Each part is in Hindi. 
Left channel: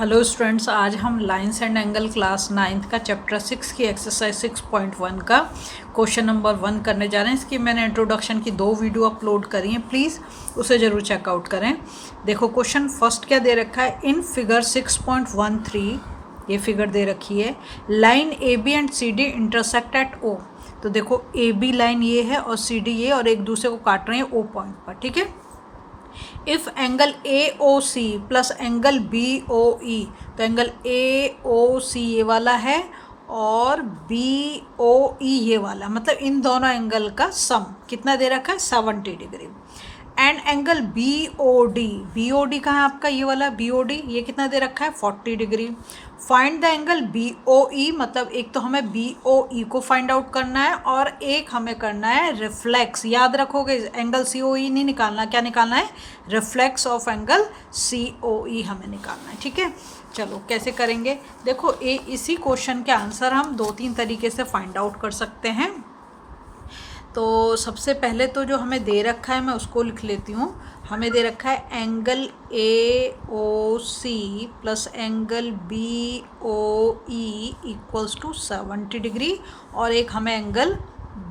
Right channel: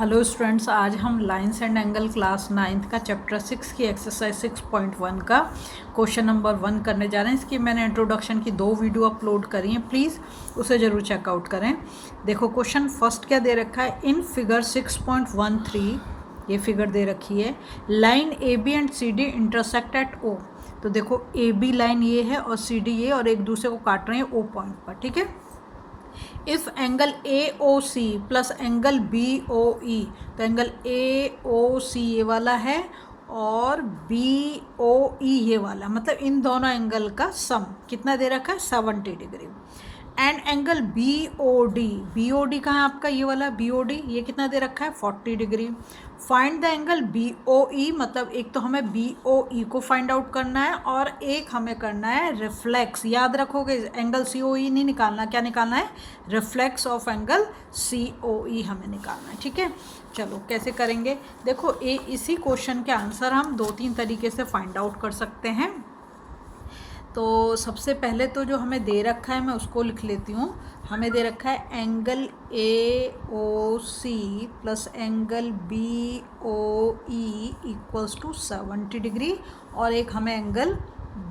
हेलो स्टूडेंट्स, आज हम lines and angle class 9th का चैप्टर 6 की एक्सरसाइज 6.1 का क्वेश्चन नंबर 1 करने जा रहे हैं। इसकी मैंने इंट्रोडक्शन की 2 वीडियो अपलोड करी हैं, प्लीज़ उसे ज़रूर चेकआउट करें। देखो क्वेश्चन फर्स्ट क्या दे रखा है, इन फिगर 6.13 ये फिगर दे रखी है, line A B and C D intersect at O. तो देखो ए बी लाइन ये है और सी डी ये, और एक दूसरे को काट रहे हैं ओ पॉइंट पर, ठीक है। If angle A O C plus angle B O E, तो एंगल ए ओ सी ये वाला है और बी ओ ई ये वाला, मतलब इन दोनों एंगल का सम कितना दे रखा है 70 degree. And angle B O D कहाँ है आपका, ये वाला बी ओ डी, ये कितना दे रखा है 40 degree. Find the angle B O E, मतलब एक तो हमें बी ओ ई को फाइंड आउट करना है और एक हमें करना है रिफ्लेक्स। याद रखोगे एंगल सी ओ ई नहीं निकालना, क्या निकालना है, रिफ्लेक्स ऑफ एंगल सी ओ ई हमें निकालना है, ठीक है। चलो कैसे करेंगे, देखो इसी क्वेश्चन के आंसर हम 2-3 तरीके से फाइंड आउट कर सकते हैं। तो सबसे पहले तो जो हमें दे रखा है मैं उसको लिख लेती हूँ। हमें दे रखा है angle A O C plus angle B O E equals to 70 degree, और एक हमें एंगल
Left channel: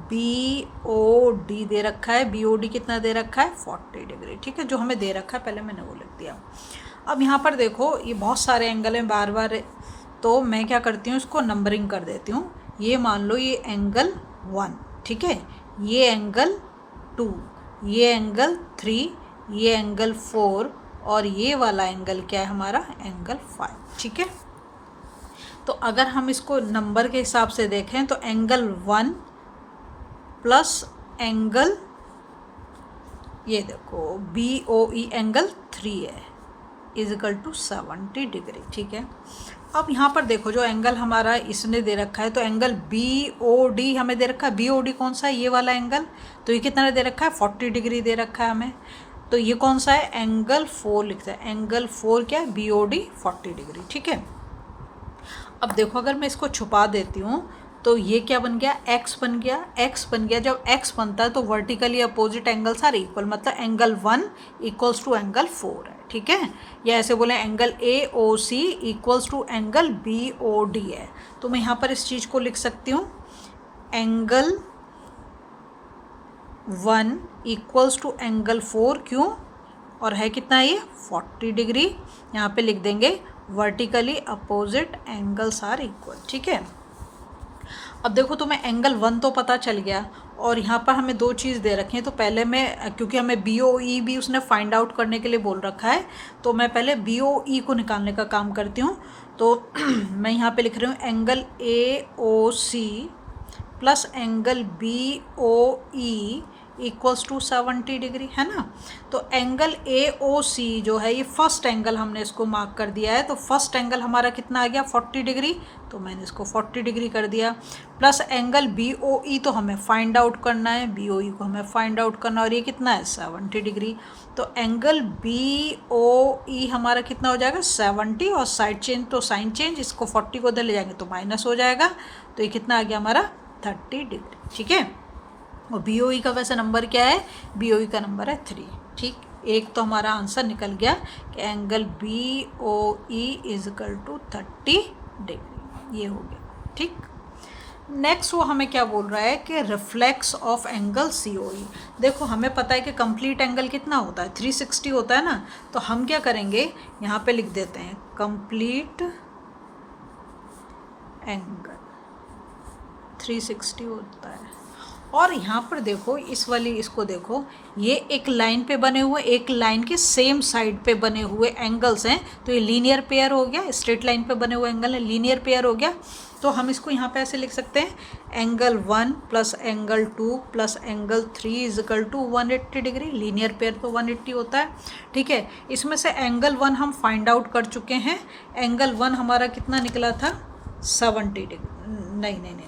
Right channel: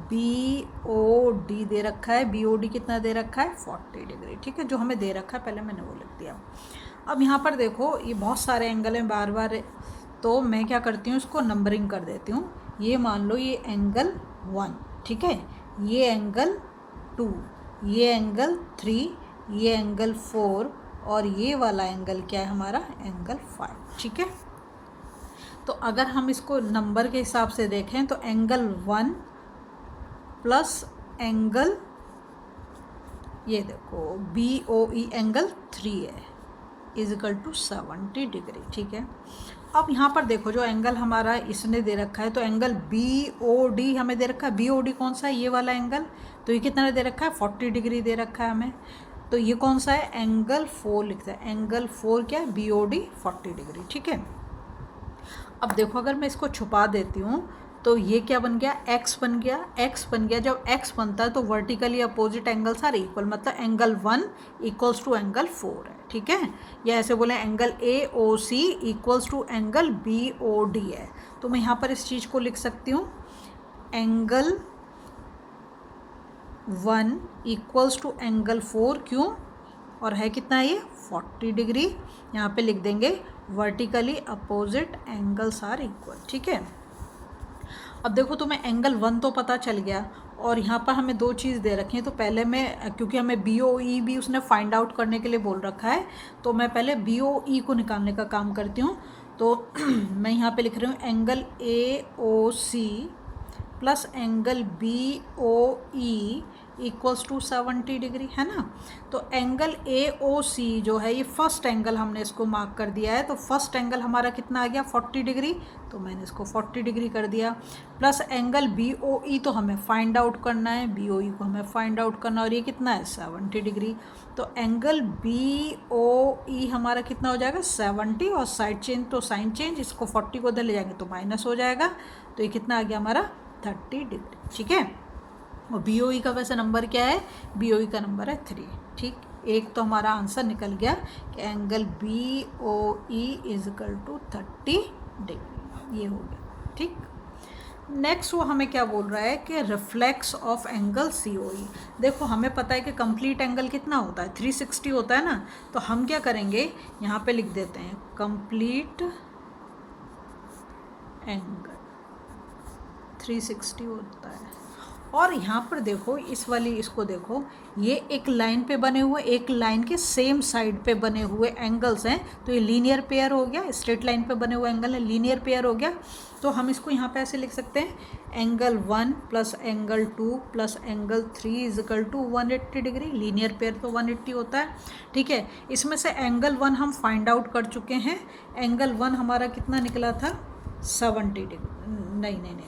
बी ओ डी दे रखा है। बी ओ डी कितना दे रखा है 40 डिग्री, ठीक है। जो हमें दे रखा है पहले मैंने वो लिख दिया। अब यहाँ पर देखो ये बहुत सारे एंगल हैं बार बार, तो मैं क्या करती हूँ इसको नंबरिंग कर देती हूँ। ये मान लो ये एंगल 1, ठीक है, ये एंगल 2, ये एंगल 3, ये एंगल 4, और ये वाला एंगल क्या है हमारा एंगल 5, ठीक है। तो अगर हम इसको नंबर के हिसाब से देखें तो एंगल 1 प्लस एंगल ये देखो बी ओ ई एंगल 3 है इजिकल टू 70 डिग्री, ठीक है। अब यहाँ पर देखो जो एंगल हमारा इसने दे रखा है, तो एंगल बी ओ डी हमें दे रखा है। बी ओ डी कौन सा है, ये वाला एंगल, तो ये कितना दे रखा है 40 डिग्री दे रखा है हमें। तो ये कौन सा है, एंगल 4 लिखता है। एंगल 4 क्या है, बी ओ डी 40 डिग्री, ठीक है। अब देखो अगर मैं इसको छुपा देती हूँ तो ये क्या बन गया, एक्स बन गया। एक्स बन गया, जब एक्स बनता है तो vertically opposite angles are equal, मतलब एंगल 1 इक्वल्स टू एंगल 4 है, ठीक है। या ऐसे बोले angle A O C equals to angle B O D है। तो मैं यहाँ पर इस चीज़ को लिख सकती हूँ, एंगल 1 इक्वल्स टू एंगल 4, क्यों, और है कितना ये 40 डिग्री। यहाँ पे लिख देंगे vertically opposite angles are equal, ठीक है। अब देखो तुम्हें एंगल 1 तो पता चल गया, और यहाँ पर हमें 2 चीज़ दे रखे हैं। तो पहले मैं, क्योंकि हमें बी ओ ई भी उसने फाइंड आउट करने के लिए बोल रखा है, तो मैं पहले बी ओ ई को निकालने का काम करती हूँ। तो मैं यहाँ पे लिख रही हूँ angle A O C plus angle B O E equals to 70 degree, है ना। तो एंगल ए ओ सी जो है ये फर्स्ट एंगल हमने इसको मार्क कर दिया है। तो फर्स्ट एंगल हमारा कितना आ गया 40 डिग्री, तो मैंने इसको 40 डिग्री कर दिया। Plus angle B O E तो हमें फाइंड आउट करना है, बी ओ ई को हमें फाइंड आउट करना है, और ये कितना है 70 डिग्री। तो एंगल बी ओ ई हमारा कितना हो जाएगा 70, और साइड चेंज तो साइन चेंज, इसको 40 को उधर ले जाएंगे तो माइनस हो जाएगा। तो ये कितना आ गया हमारा 30 डिग्री, ठीक है। और बी ओ ई का वैसे नंबर क्या है, बी ओ ई का नंबर है 3, ठीक। एक तो हमारा आंसर निकल गया कि angle B O E is equal to 30 degree, ये हो गया, ठीक। नेक्स्ट वो हमें क्या बोल रहा है कि रिफ्लेक्स ऑफ एंगल सी ओ ई। देखो हमें पता है कि कंप्लीट एंगल कितना होता है 360 होता है ना। तो हम क्या करेंगे, यहाँ पे लिख देते हैं कंप्लीट एंगल 360 होता है। और यहाँ पर देखो इस वाली इसको देखो, ये एक लाइन पे बने हुए, एक लाइन के सेम साइड पे बने हुए एंगल्स हैं। तो ये लीनियर पेयर हो गया, स्ट्रेट लाइन पे बने हुए एंगल है, लीनियर पेयर हो गया। तो हम इसको यहाँ पे ऐसे लिख सकते हैं, angle 1 plus angle 2 plus angle 3 is equal to 180 degree. Linear pair तो 180 होता है, ठीक है। इसमें से एंगल 1 हम फाइंड आउट कर चुके हैं। एंगल 1 हमारा कितना निकला था 70 डिग्री, नहीं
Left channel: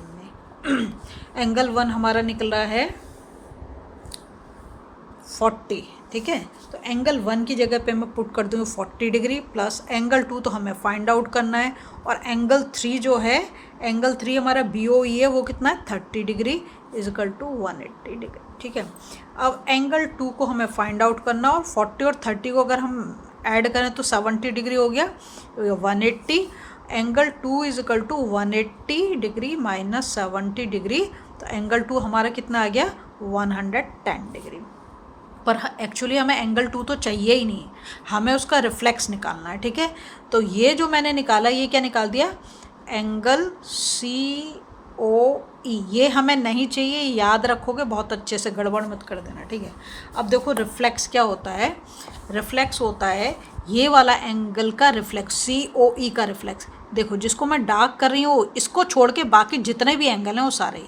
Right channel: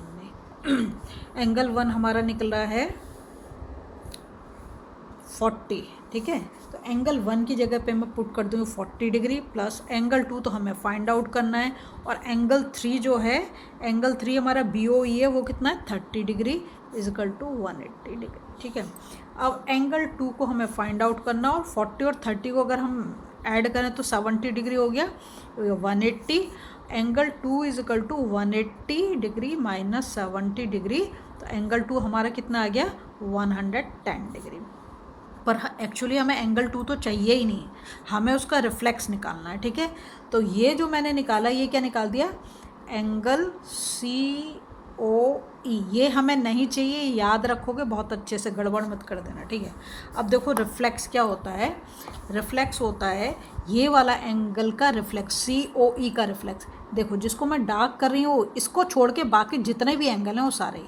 एंगल 1 हमारा निकला है 40, ठीक है। तो एंगल 1 की जगह पे मैं पुट कर दूँ 40 डिग्री, प्लस एंगल 2 तो हमें फाइंड आउट करना है, और एंगल 3 जो है, एंगल 3 हमारा बी ओ ई है, वो कितना है 30 डिग्री इजिकल टू 180 डिग्री, ठीक है। अब एंगल 2 को हमें फाइंड आउट करना, और 40 और 30 को अगर हम ऐड करें तो 70 डिग्री हो गया, 180। Angle 2 is equal to 180 degree minus 70 degree, तो एंगल 2 हमारा कितना आ गया 110 डिग्री। पर एक्चुअली हमें एंगल 2 तो चाहिए ही नहीं, हमें उसका रिफ्लेक्स निकालना है, ठीक है। तो ये जो मैंने निकाला, ये क्या निकाल दिया, एंगल COE। ये हमें नहीं चाहिए, याद रखोगे, बहुत अच्छे से गड़बड़ मत कर देना, ठीक है। अब देखो रिफ्लेक्स क्या होता है, रिफ्लेक्स होता है ये वाला एंगल का रिफ्लेक्स, COE का रिफ्लेक्स। देखो जिसको मैं डार्क कर रही हूँ, इसको छोड़ के बाकी जितने भी एंगल हैं वो सारे,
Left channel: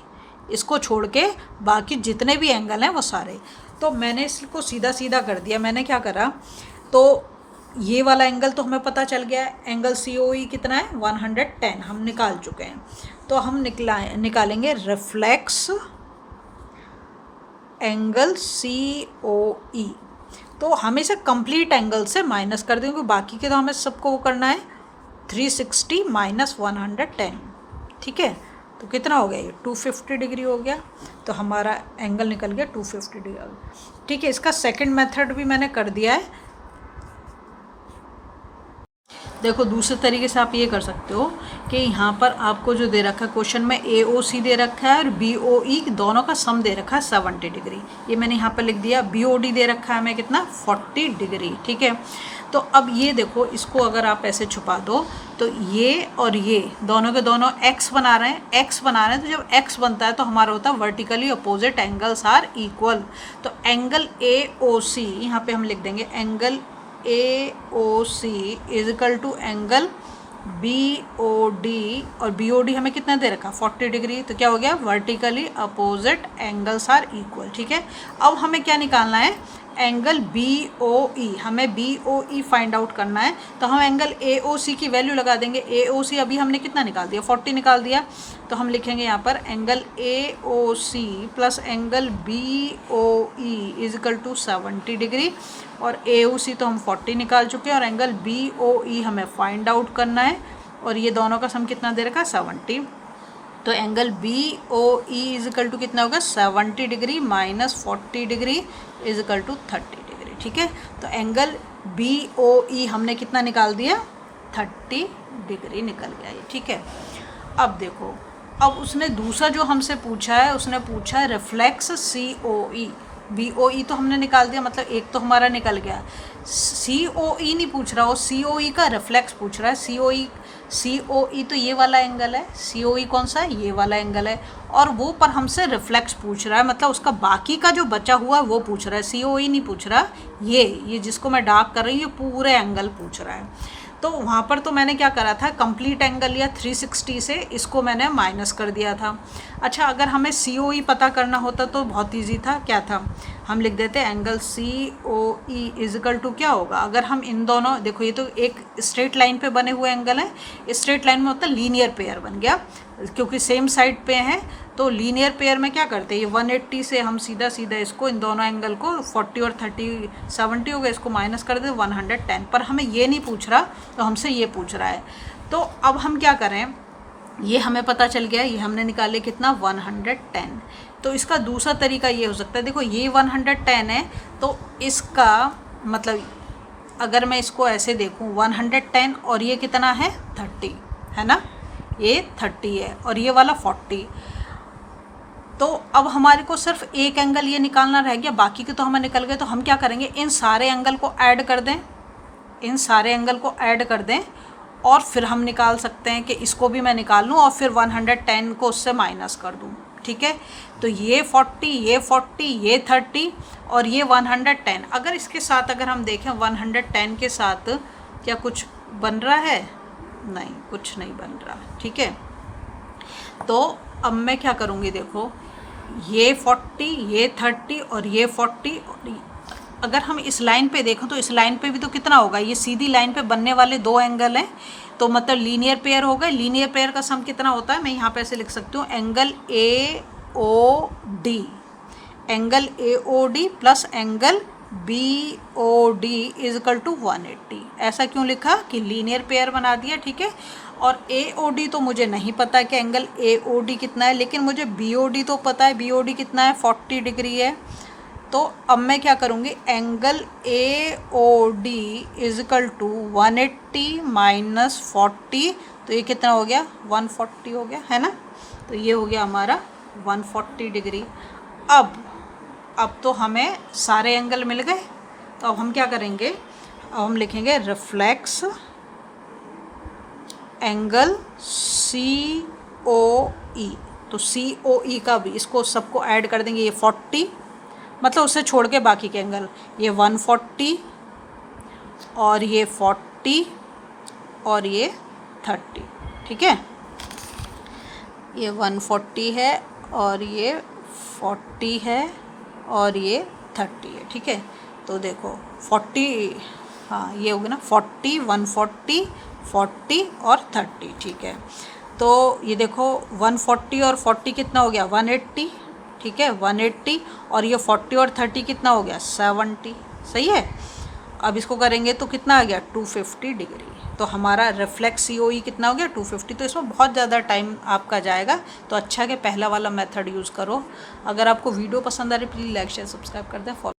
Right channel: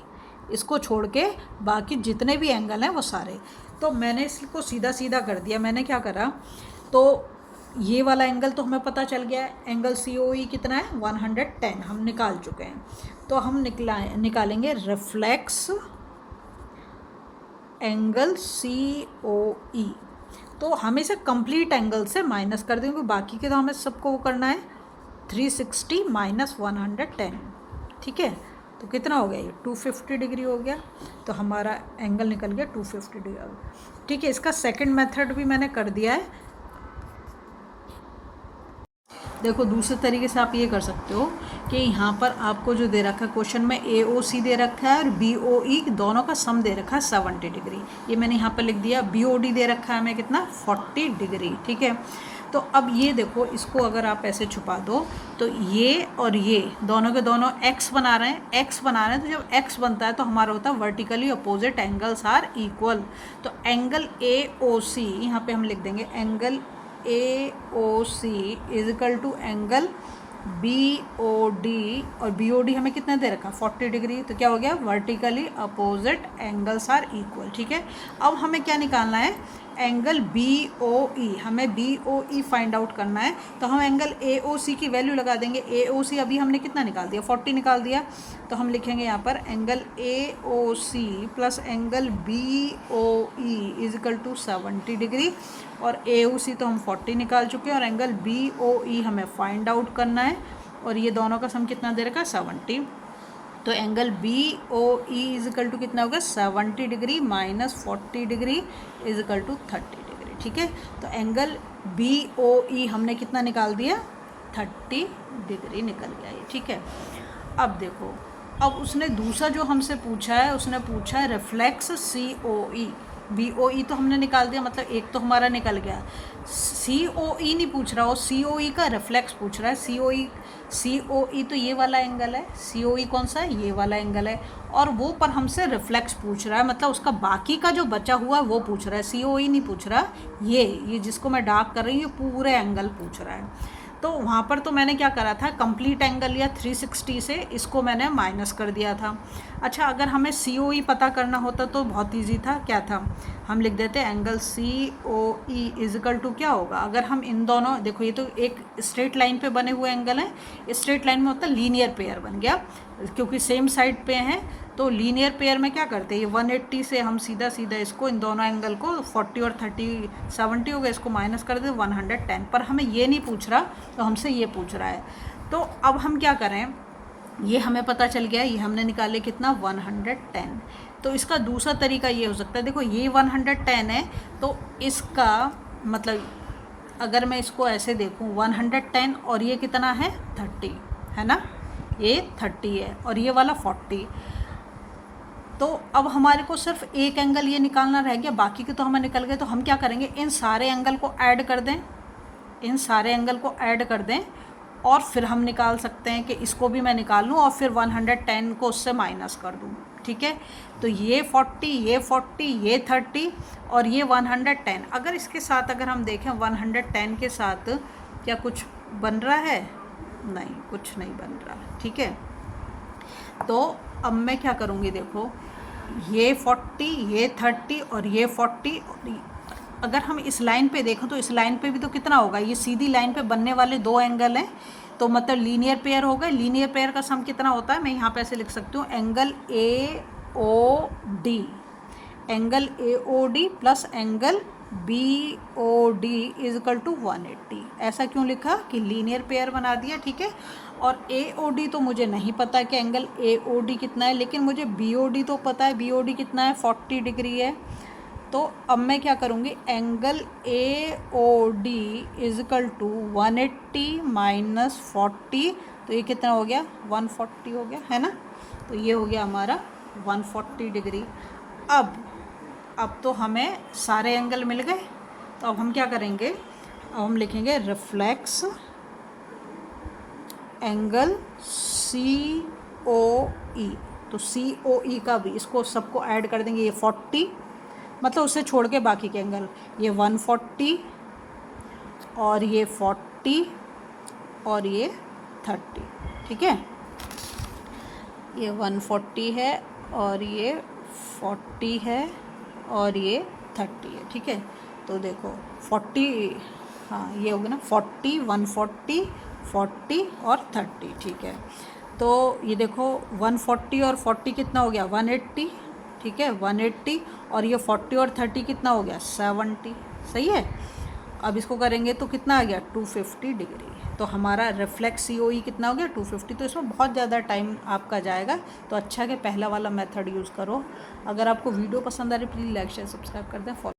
इसको छोड़ के बाकी जितने भी एंगल हैं वो सारे। तो मैंने इसको सीधा सीधा कर दिया। मैंने क्या करा, तो ये वाला एंगल तो हमें पता चल गया है, एंगल COE कितना है 110, हम निकाल चुके हैं। तो हम निकालेंगे रिफ्लेक्स एंगल COE। तो हमें इसे कंप्लीट एंगल से माइनस कर देंगे, बाकी के तो हमें सबको वो करना है 360 माइनस 110, ठीक है। तो कितना हो गया ये 250 डिग्री हो गया, तो हमारा एंगल निकल गया 250 डिग्री, ठीक है। इसका सेकंड मेथड भी मैंने कर दिया है। देखो दूसरे तरीके से आप ये कर सकते हो कि यहाँ पर आपको जो दे रखा है क्वेश्चन में, AOC दे रखा है और BOE दोनों का सम दे रखा है 70 डिग्री, ये मैंने यहाँ पर लिख दिया। BOD दे रखा है हमें कितना 40 डिग्री, ठीक है। तो अब ये देखो, इसको अगर आप ऐसे छुपा दो तो ये और ये दोनों के दोनों x बना रहे हैं, x बना रहे हैं। तो जब x बनता है तो हमारा होता है vertically opposite angles are equal. तो एंगल AOC यहाँ पे हम लिख देंगे, angle AOC is equal to angle BOD, और BOD हमें कितना दे रखा 40 डिग्री। तो क्या हो गया, vertically opposite angles are equal, ठीक है। अब हमें क्या निकालना है, एंगल BOE, हमें BOE फाइंड आउट करना है। तो हम एंगल AOC की वैल्यू लगा देंगे। AOC अभी हमने कितना निकाल दिया 40 निकाल दिया, तो हम लिखेंगे यहाँ पर angle AOC plus angle BOE is equal to 70 degree, और AOC तो हम 40 निकाल चुके हैं और एंगल BOE हमें फाइंड आउट करना है, और ये दोनों का सम कितना दे रखा 70। तो angle BOE is equal to कितना होगा 70 degree minus 40 degree is equal to 30 degree, ठीक है। तो एंगल BOE हमने कितना निकाल दिया 30 डिग्री निकल गया ये, ठीक है। अब देखो, अब उसने दूसरा जो हमसे पूछा है, उसने पूछा है रिफ्लेक्स COE। BOE तो हमने निकाल दिया, मतलब एक तो हमारा निकल गया। COE नहीं पूछ रहा, वो COE का रिफ्लेक्स पूछ रहा है। COE तो ये वाला एंगल है, COE कौन सा है, ये वाला एंगल है, और वो पर हमसे रिफ्लेक्स पूछ रहा है, मतलब उसका बाकी का जो बचा हुआ है वो पूछ रहा है। COE नहीं पूछ रहा, ये जिसको मैं डार्क कर रही हूँ ये पूरे एंगल पूछ रहा है। तो वहाँ पर तो मैंने क्या करा था, कंप्लीट एंगल लिया 360 से, इसको मैंने माइनस कर दिया था। अच्छा, अगर हमें COE पता करना होता तो बहुत इजी था, क्या था, हम लिख देते angle COE is equal to क्या होगा, अगर हम इन दोनों, देखो ये तो एक स्ट्रेट लाइन पे बने हुए एंगल है, स्ट्रेट लाइन में होता है लीनियर पेयर बन गया, क्योंकि सेम साइड पे हैं। तो लीनियर पेयर में क्या करते हैं, ये 180 से हम सीधा सीधा इसको, इन दोनों एंगल को 40 और 30 70 हो गया, इसको माइनस कर दे 110। पर हमें ये नहीं पूछ रहा, तो हमसे ये पूछ रहा है। तो अब हम क्या करें, ये हमें पता चल गया, ये हमने निकाले कितना 110। तो इसका दूसरा तरीका ये हो सकता है, देखो ये 110 है, तो इसका मतलब अगर मैं इसको ऐसे देखूँ 110 और ये कितना है 30 है ना, ये 30 है और ये वाला 40। तो अब हमारे को सिर्फ एक एंगल ये निकालना रह गया, बाकी के तो हमें निकल गए। तो हम क्या करेंगे, इन सारे एंगल को ऐड कर दें, इन सारे एंगल को ऐड कर दें, और फिर हम निकाल सकते हैं कि इसको भी मैं निकाल लूँ और फिर 110 को उससे माइनस कर दूँ, ठीक है। तो ये 40, ये 40, ये 30 और ये 110। अगर इसके साथ अगर हम देखें 110 के साथ क्या कुछ बन रहा है, नहीं, कुछ नहीं बन रहा, ठीक है। तो अब मैं क्या करूँगी, देखो ये 40, ये 30 और ये 40, अगर हम इस लाइन पे देखें तो इस लाइन पे भी तो कितना होगा, ये सीधी लाइन पे बनने वाले दो एंगल हैं, तो मतलब लीनियर पेयर हो गए। लीनियर पेयर का सम कितना होता है, मैं यहाँ पे ऐसे लिख सकती हूँ, angle AOD, angle AOD plus angle BOD is equal to 180। ऐसा क्यों लिखा कि लीनियर पेयर बना दिया, ठीक है। और AOD तो मुझे नहीं पता कि एंगल AOD कितना है, लेकिन मुझे BOD तो पता है, BOD कितना है 40 डिग्री है। तो अब मैं क्या करूँगी, angle A O D is equal to 180 minus 40, तो ये कितना हो गया 140 हो गया, है ना। तो ये हो गया हमारा 140 डिग्री। अब तो हमें सारे एंगल मिल गए, तो अब हम क्या करेंगे, अब हम लिखेंगे रिफ्लेक्स एंगल सी ओ ई। तो सी ओ ई का भी इसको सबको ऐड कर देंगे, ये 40 मतलब उससे छोड़ के बाकी के एंगल, ये 140 और ये 40 और ये 30, ठीक है। ये 140 है और ये 40 है और ये 30 है, ठीक है। तो देखो 40, हाँ ये हो गया ना 40, 140, 40 और 30, ठीक है। तो ये देखो 140 और 40 कितना हो गया 180, ठीक है 180, और ये 40 और 30 कितना हो गया 70, सही है। अब इसको करेंगे तो कितना आ गया 250 डिग्री। तो हमारा रिफ्लेक्स COE कितना हो गया 250। तो इसमें बहुत ज़्यादा टाइम आपका जाएगा, तो अच्छा कि पहला वाला मेथड यूज़ करो। अगर आपको वीडियो पसंद आ रही प्लीज़ लाइक शेयर सब्सक्राइब कर दें।